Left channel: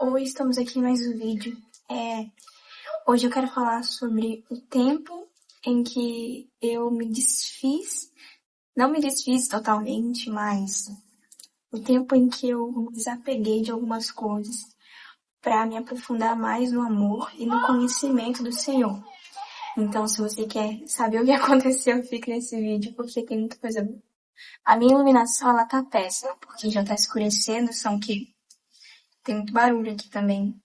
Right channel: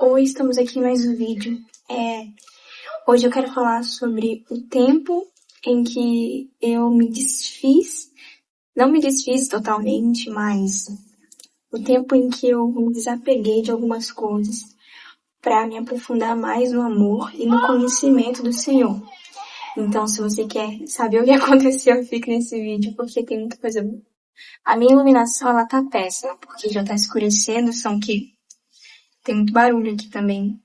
Oi, estamos aqui em mais um vídeo. Hoje eu quero falar sobre o tempo em que eu me desfiz, não me desfiz totalmente, mas o tempo em que eu me desapeguei de algumas coisas para me aprofundar mais no amor e no conhecimento do Senhor. Então, se você quer saber o que aconteceu, fique nesse vídeo, porque tem muita coisa boa. A minha iluminação, ela tá péssima, porque já tá escurecendo, tem muito barulho aqui também.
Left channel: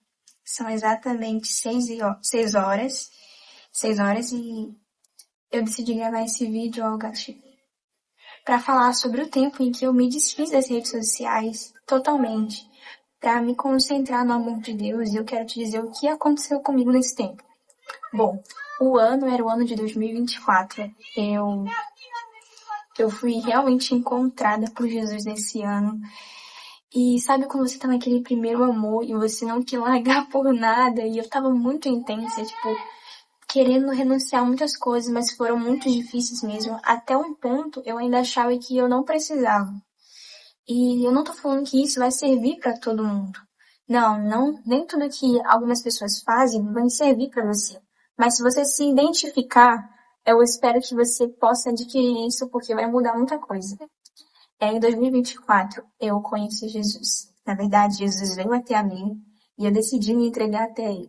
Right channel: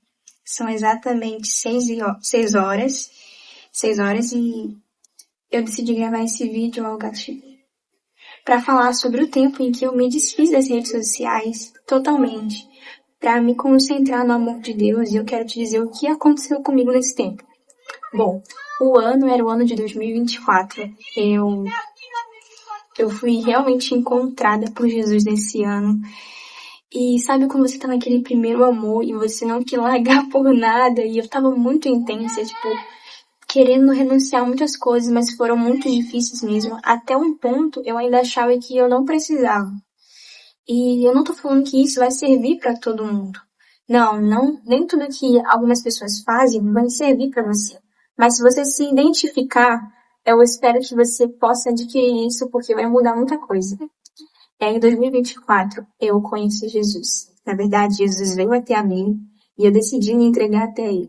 São exatamente 6 horas e eu decidi gravar esse vídeo, Algachi, para falar sobre o tempo em que eu me desfiz das redes sociais totalmente, para me concentrar no amor de Deus, e eu quero te dizer o que aconteceu comigo nesse tempo. Bom, o ano era o ano de 2024. Eu fui realmente encontrada por Jesus nesse ano. E sabe quando você tá naquele primeiro amor e você não quer largar por nada? E eu tava muito intensa, querendo renunciar a muitas coisas, mas foram muito difíceis mesmo. Até um ponto eu ainda achava que eu não precisava. E eu não tô falando que isso vai servir pra todo mundo. Não, nem tudo que algumas pessoas fazem vai servir pra você. Mas se você se identificar, eu espero que você possa adquirir isso porque vai mudar muita coisa. Em 2024, eu conheci Jesus. Na verdade, Jesus veio até a mim e eu decidi me entregar até ele.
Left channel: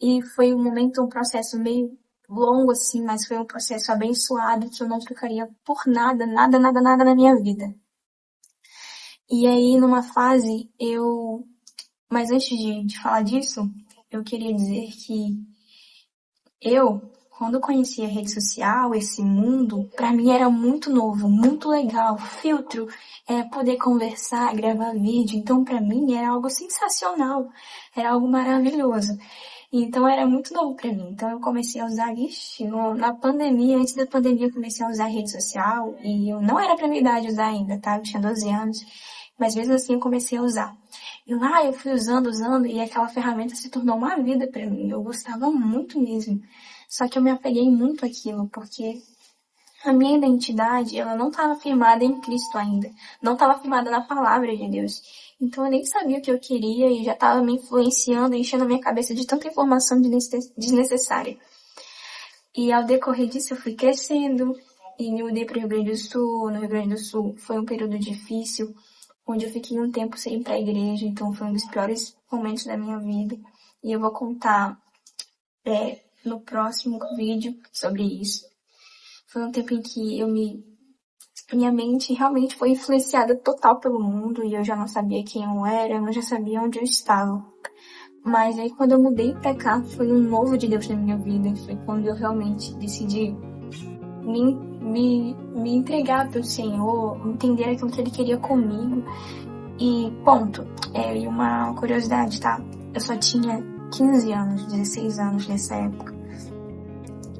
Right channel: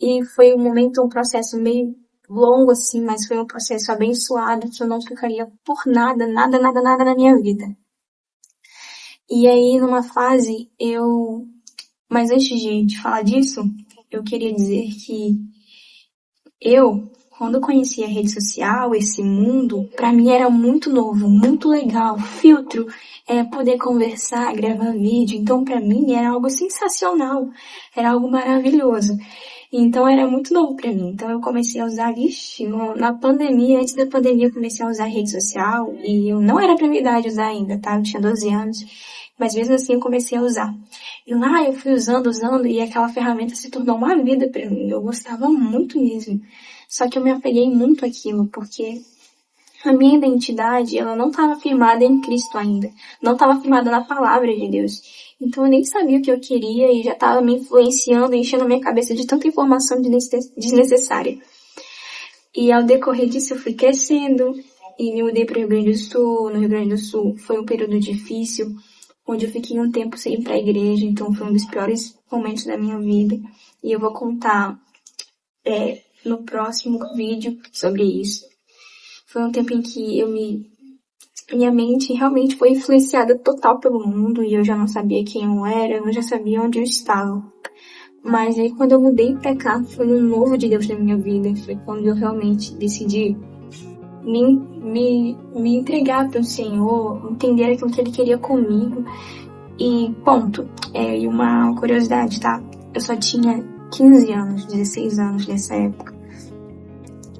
E foi um processo meio longo assim, mas foi um processo abençoado que eu não trocaria por nada, nada, nada, nada na minha vida. E aí, numa fase, Mas antes de falar disso, eu queria dizer que quando eu conheci a rede social, esse mundo, pra mim era muito novo, muito legal. Filtro, poder conversar, gravar vídeo. Então, pra mim, era algo sensacional. Era algo maravilhoso. Então, era muito novo pra mim. Então, eu comecei a usar, na pandemia, antes da pandemia, eu comecei a usar rede social. E eu não era pra minha idade usar ainda, tá? Eu tinha 12 anos. Mas mesmo assim, eu comecei a usar. Eu fui usando, e aquela ferramenta se tornou uma vida pra mim. Eu gostava muito mesmo. Só que eu me apeguei muito àquilo, porque a minha identidade, ela não estava firmada em Cristo ainda. Não estava firmada na palavra de Deus. Então eu nem sabia o que eu queria e já estava me influenciando, enchendo a minha cabeça de tanta informação desnecessária. E ao decorrer disso eu fui crescendo e me mudei para o Rio Grande do Sul. No Rio Grande do Sul foi um período difícil, onde eu fiquei um tempo sem ir para a igreja, então foi um dos piores momentos da minha vida. E eu vou contar no próximo vídeo sobre isso. Foi um tempo em que minha mente realmente foi influenciada total pelo mundo e eu já não sabia quem eu era, eu já sabia onde eu estava. Mas aí quando eu mudei pra cá, foi um novo de Deus na minha vida. Foi quando eu realmente decidi me entregar para o Senhor, entender aquilo que Ele queria comigo. E ponto. E uma curiosidade, tá? Eu só tinha 15 anos, 16 anos nessa época.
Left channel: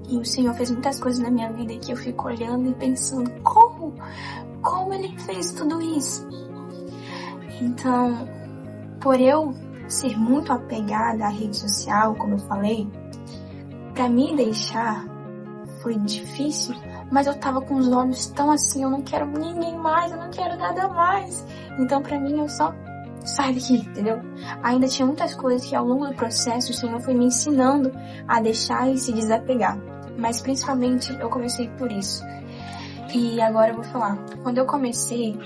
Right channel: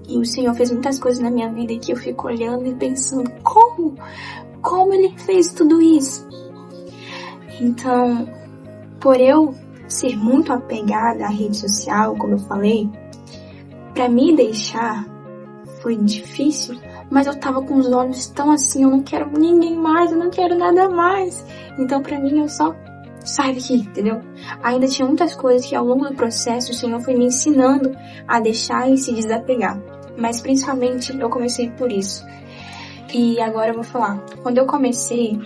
E o Senhor fez muitas coisas na minha vida que eu fico olhando e pensando, como Ele fez tudo isso? Então, por eu ser muito apegada à rede social, como eu falei, pra me deixar foi difícil, mas eu tava com os olhos tão assim, eu não quero ninguém mais, eu não quero nada mais. Então pra mim eu só saio daqui, entendeu? Ainda tinha muitas coisas que ao longo do processo o Senhor foi me ensinando a deixar e se desapegar. Mas principalmente eu comecei por isso. E agora eu vou falar. Quando eu comecei,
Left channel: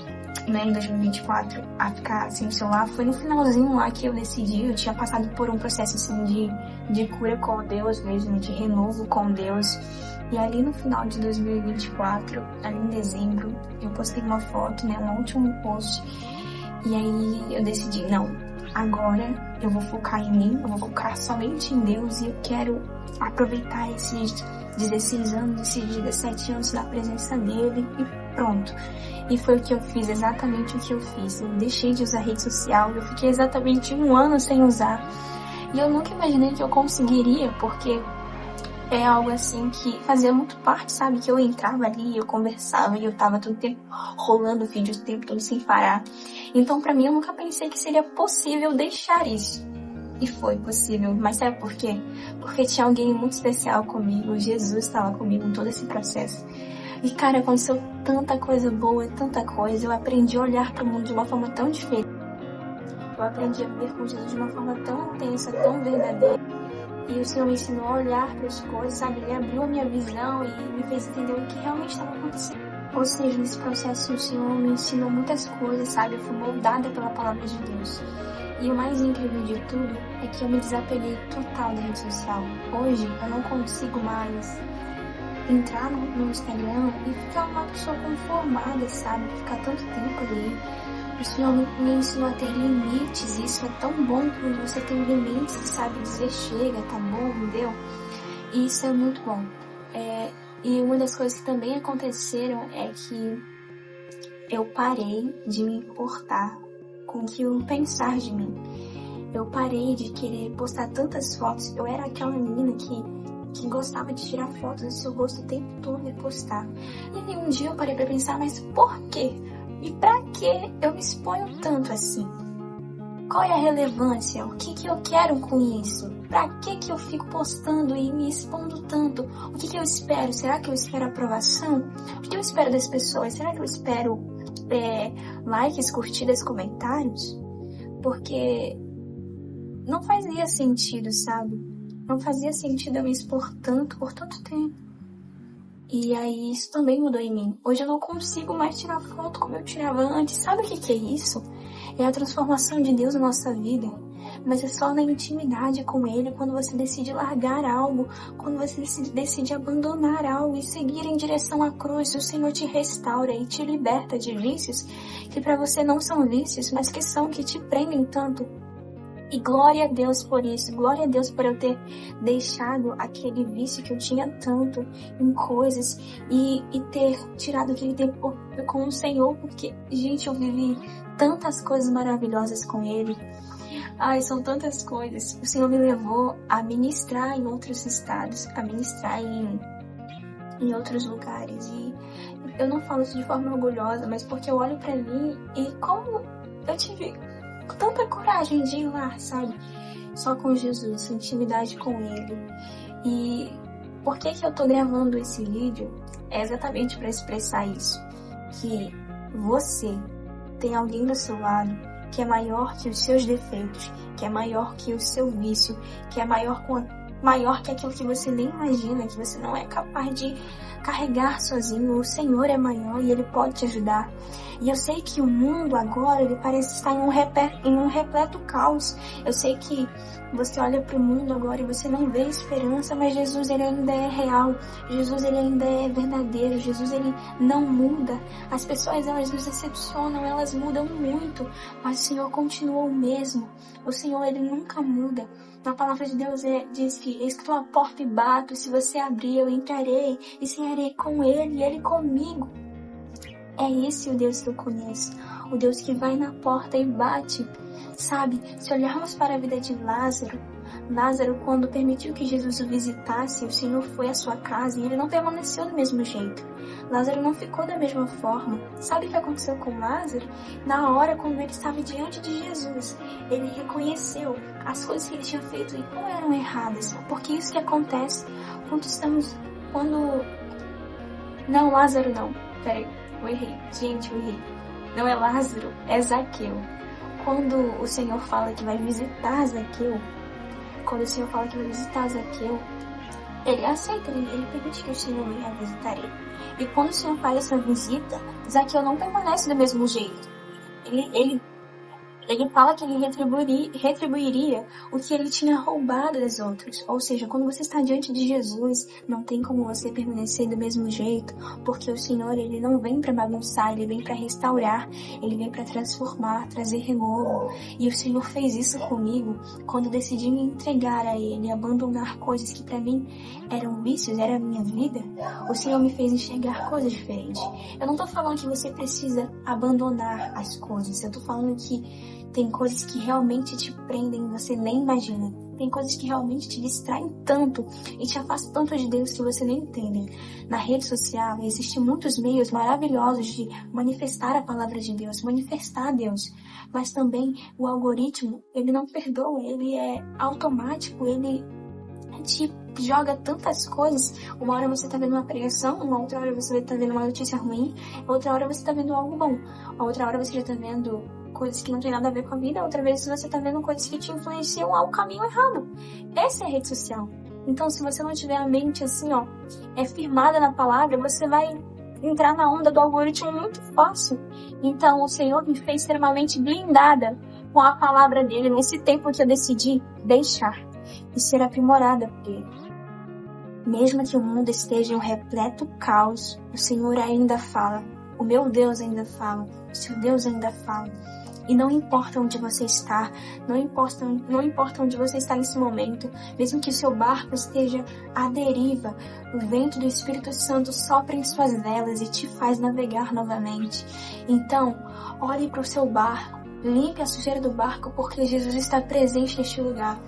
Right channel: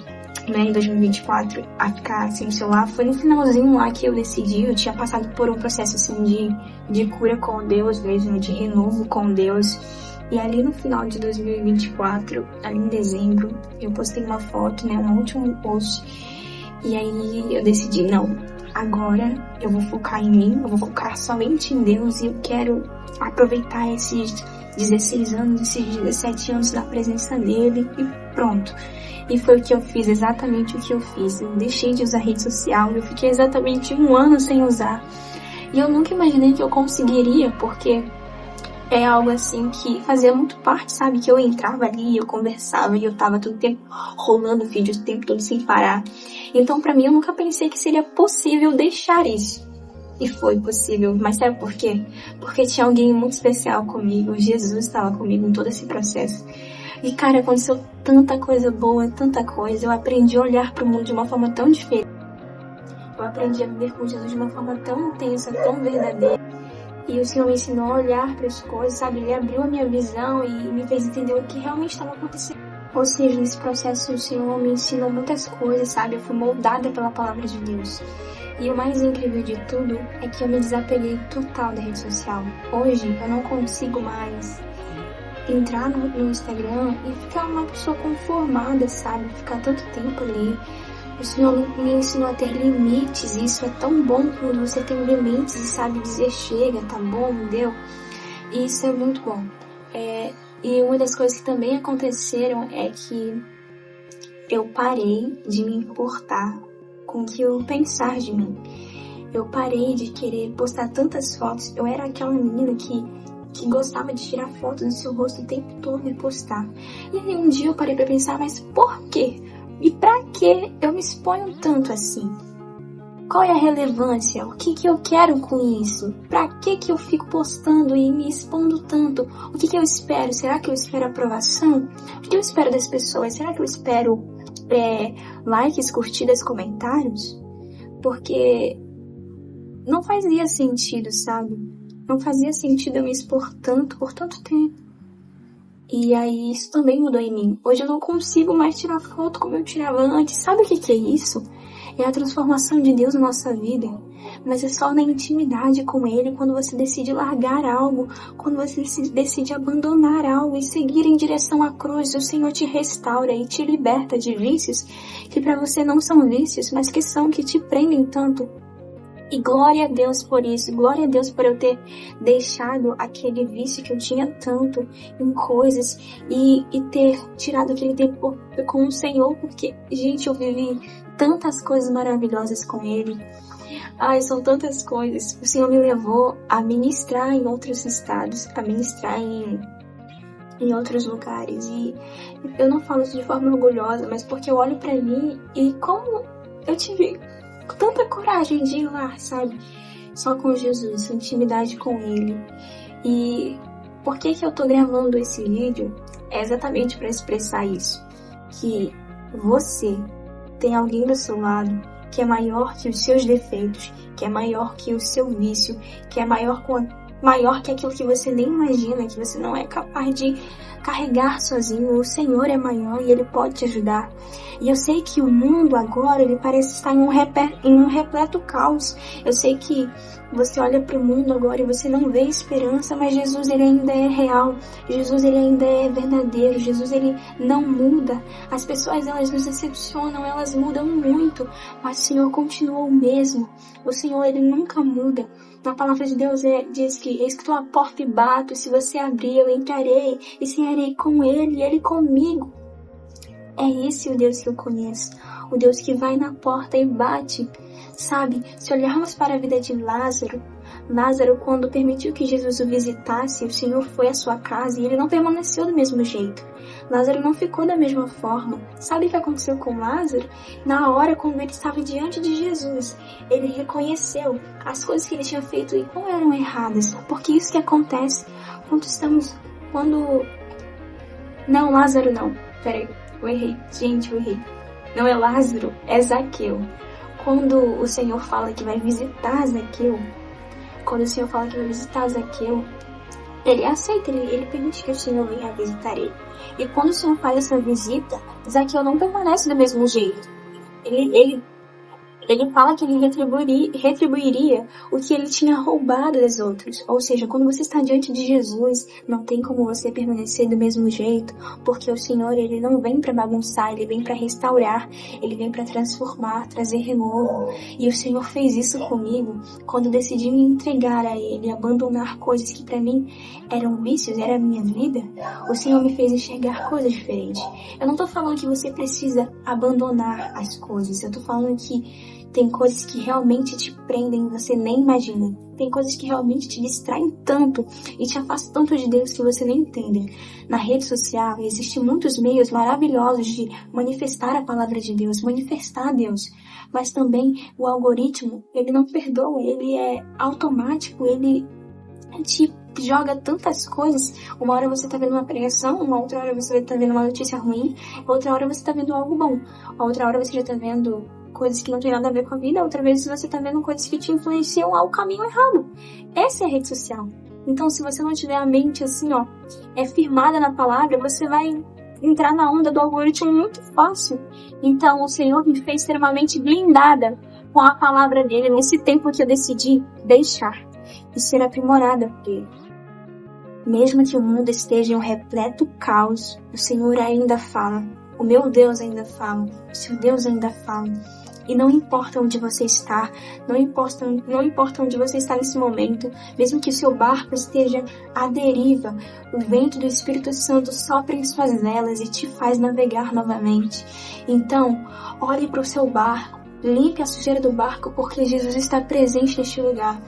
em 2024, a ficar sem celular, foi no finalzinho lá que eu decidi. Eu tinha passado por um processo assim de cura com Deus mesmo, de renovo com Deus. E ali no final de 2024, ali em dezembro, eu postei uma foto, um último post. E aí eu decidi, não, agora eu vou focar em mim, eu vou focar somente em Deus e eu quero aproveitar esses 16 anos, esses 17 anos da presença dele e pronto. E foi o que eu fiz, exatamente o que eu fiz. Eu deixei de usar rede social, eu fiquei exatamente 1 ano sem usar. E eu nunca imaginei que eu conseguiria, porque é algo assim que fazia muito parte, sabe? Que eu entrava ali, eu conversava e eu tava todo tempo rolando vídeos o tempo todo sem parar. Então pra mim eu nunca pensei que seria possível deixar isso. E foi possível. Mas sabe por quê? Porque tinha alguém muito especial comigo. Jesus estava comigo em todo esse processo. E cara, aconteceu tanta coisa boa, tanta coisa. Eu aprendi a olhar pro mundo de uma forma tão diferente. Eu aprendi a viver com Jesus de uma forma tão intensa, tão verdadeira. E o Senhor me ensinou a olhar para as coisas, sabe? Ele abriu a minha visão e me fez entender o que realmente estava acontecendo. Ou seja, nesse processo o Senhor me ensinou muitas coisas, sabe? Eu fui moldada pela palavra de Deus. E o mais incrível de tudo é que eu me desapeguei total da rede social. Hoje eu não consigo mais entrar no Instagram e ficar uma pessoa conformada, sabe? Ficar tanto tempo ali. O Senhor me ensinou a ter limites, e isso é tão bom quando você tem limites e sabe dizer chega, tá bom, deu. E isso é muito bom. E uma das coisas que também aconteceram é que eu parei de me importar com o que eu pensar de mim. Eu parei de querer postar tantas fotos. Eu era aquela menina que gostava de tirar fotos do seu rosto o tempo todo e postar. E aí um dia eu parei pra pensar, mas por quê? E pra que eu me exponho tanto assim? Qual é a relevância? O que eu quero com isso? Pra que eu fico postando e me expondo tanto? O que eu espero? Será que eu espero aprovação? O que eu espero das pessoas? Será que eu espero likes, curtidas, comentários? Porque não fazia sentido, sabe? Não fazia sentido eu me expor tanto por tanto tempo. E aí isso também mudou em mim. Hoje eu não consigo mais tirar foto como eu tirava antes. Sabe o que é isso? É a transformação de Deus na nossa vida. Mas é só na intimidade com Ele, quando você decide largar algo, quando você decide abandonar algo e seguir em direção à cruz. O Senhor te restaura e te liberta de vícios que para você não são vícios, mas que te prendem tanto. E glória a Deus por isso, glória a Deus por eu ter deixado aquele vício que eu tinha tanto em coisas e ter tirado aquele tempo com o Senhor, porque, gente, eu vivi tantas coisas maravilhosas com Ele. Ai, são tantas coisas. O Senhor me levou a ministrar em outros estados, a ministrar em outros lugares. E eu não falo isso de forma orgulhosa, mas porque eu olho pra mim e como eu tive tanta coragem de ir lá, sabe? Só com Jesus, intimidade com Ele. E por que eu tô gravando esse vídeo? É exatamente para expressar isso. Que você tem alguém do seu lado que é maior que os seus defeitos, que é maior que o seu vício, que é maior que aquilo que você nem imagina, que você não é capaz de carregar sozinho. O Senhor é maior e Ele pode te ajudar. E eu sei que o mundo agora, ele parece estar em um repleto caos. Eu sei que você olha para o mundo agora e você não vê esperança, mas Jesus, ele ainda é real. Jesus, ele ainda é verdadeiro. Jesus, ele não muda. As pessoas, elas nos decepcionam, elas mudam muito, mas o Senhor continua o mesmo. O Senhor, ele nunca muda. Na palavra de Deus diz que estou à porta e bato, se você abrir eu entrarei e cearei com Ele e Ele comigo. É esse o Deus que eu conheço, o Deus que vai na porta e bate, sabe? Se olharmos para a vida de Lázaro, quando permitiu que Jesus o visitasse, o Senhor foi à sua casa e ele não permaneceu do mesmo jeito. Lázaro não ficou da mesma forma. Sabe o que aconteceu com Lázaro? Na hora, quando ele estava diante de Jesus, ele reconheceu as coisas que ele tinha feito e não eram erradas. Porque isso que acontece Não, Lázaro não. Peraí, eu errei. Gente, eu errei. Não é Lázaro, é Zaqueu. Quando o Senhor fala que vai visitar Zaqueu, ele aceita, ele permite que o Senhor venha visitar ele. E quando o Senhor faz essa visita, Zaqueu não permanece do mesmo jeito. Ele fala que ele retribuiria o que ele tinha roubado das outras. Ou seja, quando você está diante de Jesus, não tem como você permanecer do mesmo jeito, porque o Senhor, ele não vem para bagunçar, ele vem para restaurar, ele vem para transformar, trazer renovo. E o Senhor fez isso comigo quando eu decidi me entregar a Ele, abandonar coisas que para mim eram vícios, era a minha vida. O Senhor me fez enxergar coisas diferentes. Eu não tô falando que você precisa abandonar as coisas, eu tô falando que tem coisas que realmente te prendem e você nem imagina. Tem coisas que realmente te distraem tanto e te afastam tanto de Deus que você nem entende. Na rede social existem muitos meios maravilhosos de manifestar a palavra de Deus, manifestar Deus. Mas também o algoritmo, ele não perdoa, ele é automático, ele te joga tantas coisas. Uma hora você tá vendo uma pregação, uma outra hora você tá vendo uma notícia ruim, outra hora você tá vendo algo bom, outra hora você já tá vendo coisas que não tem nada a ver com a vida, outras vezes você tá vendo coisas que te influenciam ao caminho errado. Essa é a rede social. Então, se você não tiver a mente assim, ó, firmada na palavra, você vai entrar na onda do algoritmo muito fácil. Então, o Senhor me fez extremamente blindada com a palavra dele nesse tempo que eu decidi deixar e ser aprimorada por ele. Mesmo que o mundo esteja em um repleto caos, o Senhor ainda fala. O meu Deus ainda fala. O seu Deus ainda fala. E não importa onde você está, não importa onde você está nesse momento, mesmo que o seu barco esteja à deriva, o vento do Espírito Santo sopra em suas velas e te faz navegar novamente. Então, olhe para o seu barco, limpe a sujeira do barco, porque Jesus está presente neste lugar.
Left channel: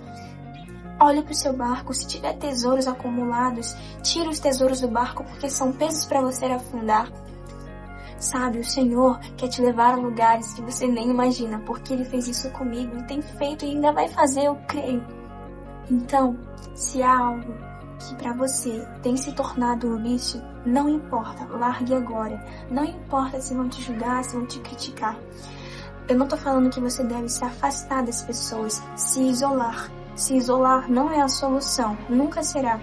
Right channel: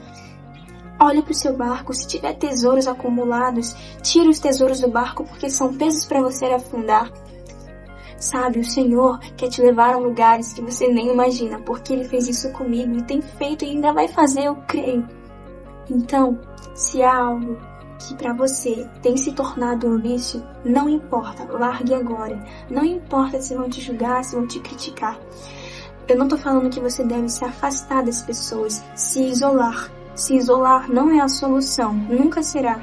Olhe para o seu barco, se tiver tesouros acumulados, tire os tesouros do barco, porque são pesos para você afundar. Sabe, o Senhor quer te levar a lugares que você nem imagina, porque Ele fez isso comigo e tem feito e ainda vai fazer, eu creio. Então, se há algo que para você tem se tornado um vício, não importa, largue agora. Não importa se vão te julgar, se vão te criticar. Eu não tô falando que você deve se afastar das pessoas, se isolar. Se isolar não é a solução, nunca será.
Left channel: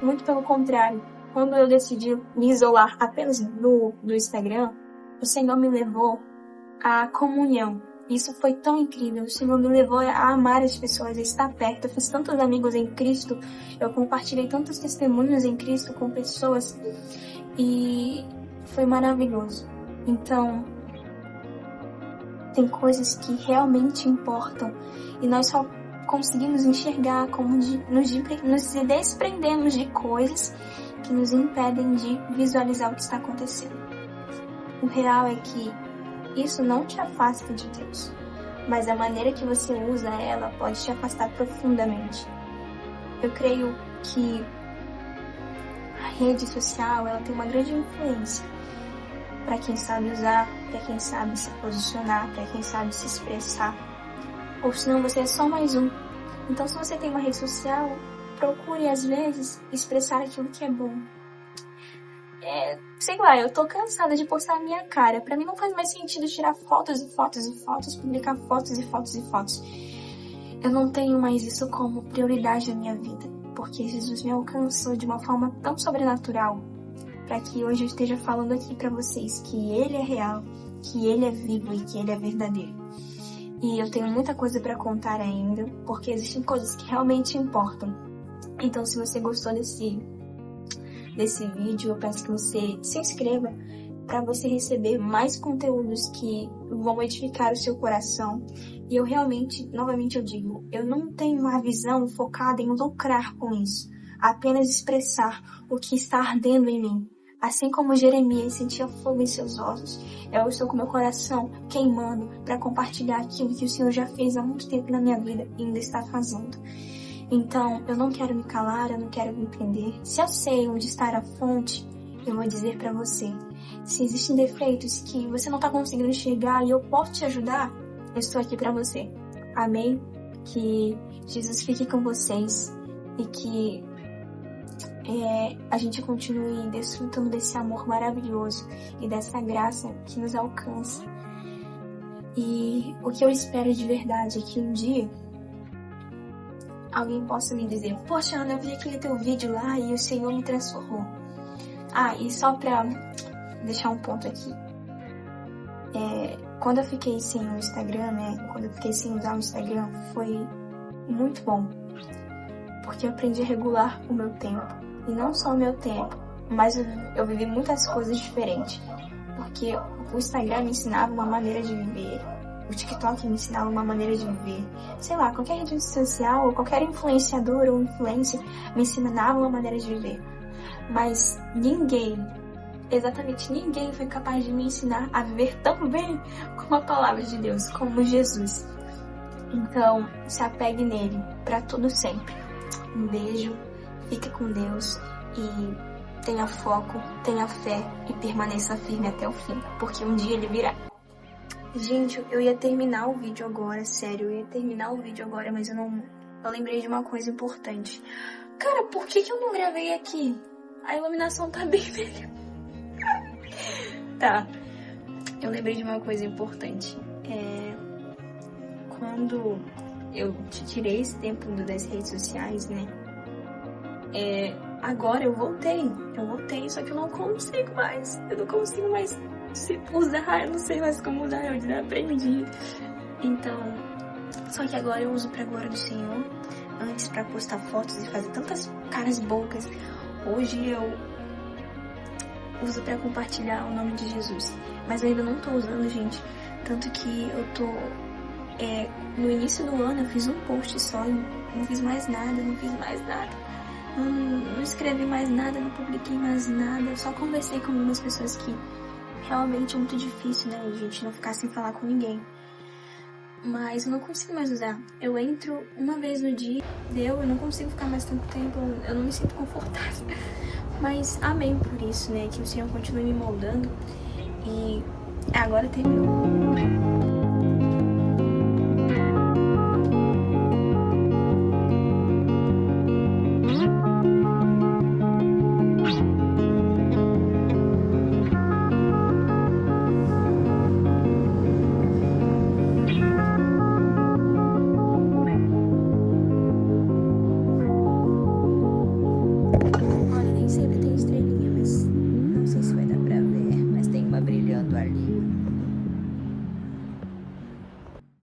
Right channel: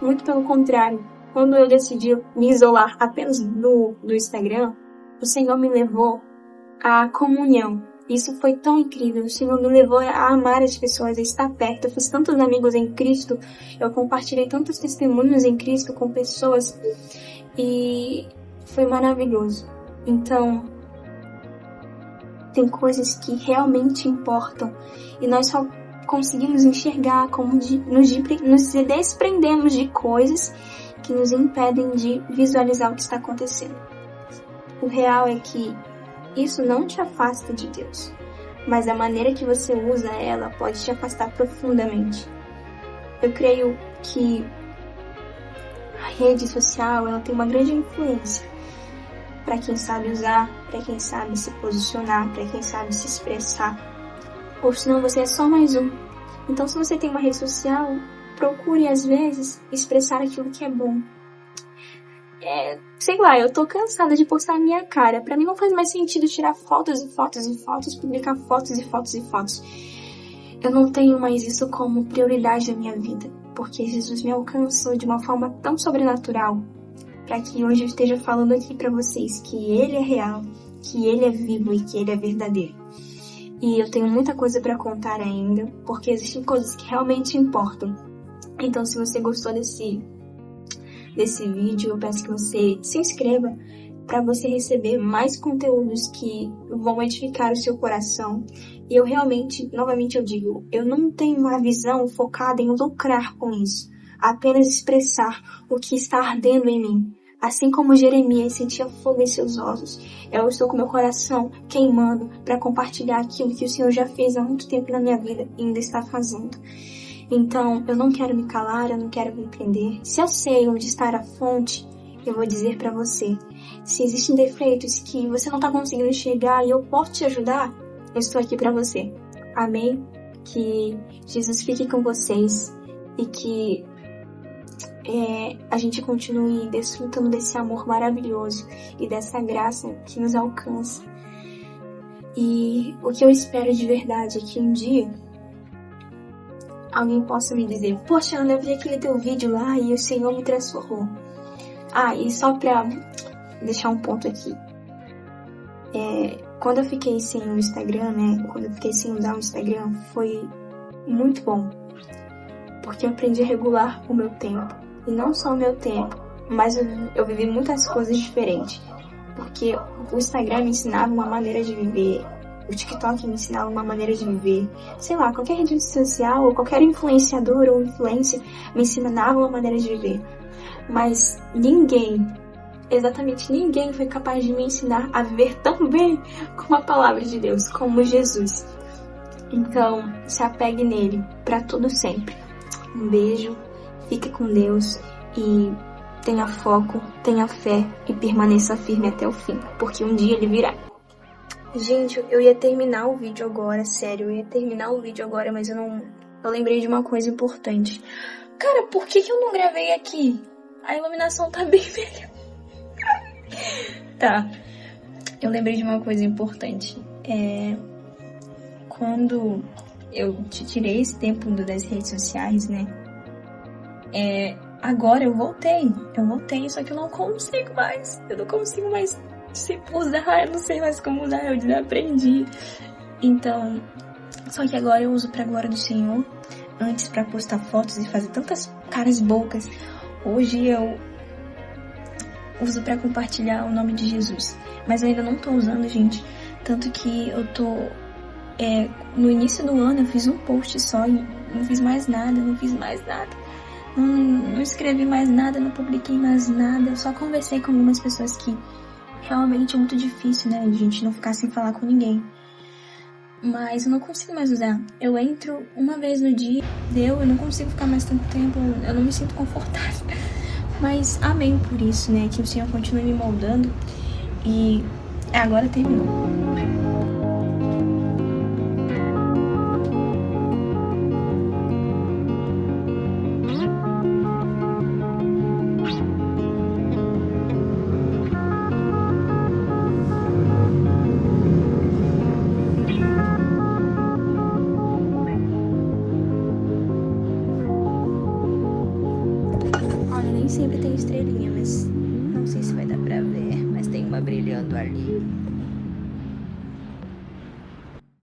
Muito pelo contrário. Quando eu decidi me isolar apenas do Instagram, o Senhor me levou à comunhão. Isso foi tão incrível. O Senhor me levou a amar as pessoas, a estar perto. Eu fiz tantos amigos em Cristo. Eu compartilhei tantos testemunhos em Cristo com pessoas. E foi maravilhoso. Então, tem coisas que realmente importam. E nós só conseguimos enxergar como nos desprendemos de coisas que nos impedem de visualizar o que está acontecendo. O real é que isso não te afasta de Deus, mas a maneira que você usa ela pode te afastar profundamente. Eu creio que a rede social ela tem uma grande influência para quem sabe usar, para quem sabe se posicionar, para quem sabe se expressar. Ou senão você é só mais um. Então, se você tem uma rede social, procure, às vezes, expressar aquilo que é bom. Sei lá, eu tô cansada de postar a minha cara. Pra mim não faz mais sentido tirar fotos e fotos e fotos, publicar fotos e fotos e fotos. Eu não tenho mais isso como prioridade da minha vida, porque Jesus me alcançou de uma forma tão sobrenatural, para que hoje eu esteja falando aqui pra vocês que Ele é real, que Ele é vivo e que Ele é verdadeiro. E eu tenho muita coisa pra contar ainda, porque existem coisas que realmente importam. Então, se você gostou desse vídeo, eu peço que você se inscreva para você receber mais conteúdos que vão edificar o seu coração. E eu realmente, novamente eu digo, eu não tenho uma visão focada em lucrar com isso, apenas expressar o que está ardendo em mim. Assim como Jeremias sentia fogo em seus ossos, eu estou com meu coração queimando para compartilhar aquilo que o Senhor já fez há muito tempo na minha vida e ainda está fazendo. Então, eu não quero me calar, eu não quero me prender. Se eu sei onde está a fonte, eu vou dizer para você. Se existem defeitos que você não está conseguindo enxergar e eu posso te ajudar, eu estou aqui para você. Amém? Que Jesus fique com vocês e que a gente continue desfrutando desse amor maravilhoso e dessa graça que nos alcança. E o que eu espero de verdade é que um dia alguém possa me dizer: poxa, Ana, eu vi aquele teu vídeo lá e o Senhor me transformou. E só pra deixar um ponto aqui. Quando eu fiquei sem o Instagram, quando eu fiquei sem usar o Instagram, foi muito bom. Porque eu aprendi a regular o meu tempo. E não só o meu tempo, mas eu vivi muitas coisas diferentes. Porque o Instagram me ensinava uma maneira de viver. O TikTok me ensinava uma maneira de viver. Sei lá, qualquer rede social, ou qualquer influenciador ou influencer me ensinava uma maneira de viver. Mas ninguém, exatamente ninguém foi capaz de me ensinar a viver tão bem como a palavra de Deus, como Jesus. Então, se apegue nele para tudo sempre. Um beijo, fique com Deus e tenha foco, tenha fé e permaneça firme até o fim, porque um dia ele virá. Gente, eu ia terminar o vídeo agora, sério, mas eu lembrei de uma coisa importante. Cara, por que eu não gravei aqui? A iluminação tá bem melhor. Tá, eu lembrei de uma coisa importante. quando eu tirei esse tempo das redes sociais, né? Agora eu voltei, só que eu não consigo mais se usar, eu não sei mais como usar, eu desaprendi. Então, só que agora eu uso pra glória do Senhor, antes pra postar fotos e fazer tantas caras bocas, hoje eu uso pra compartilhar o nome de Jesus. Mas eu ainda não tô usando, gente, tanto que eu tô, no início do ano eu fiz um post só e não fiz mais nada, não escrevi mais nada, não publiquei mais nada, eu só conversei com algumas pessoas que realmente é muito difícil, né, a gente não ficar sem falar com ninguém. Mas eu não consigo mais usar. Eu entro uma vez no dia, eu não consigo ficar mais tanto tempo, eu não me sinto confortável. Mas amém por isso, né, que o Senhor continue me moldando e agora terminou.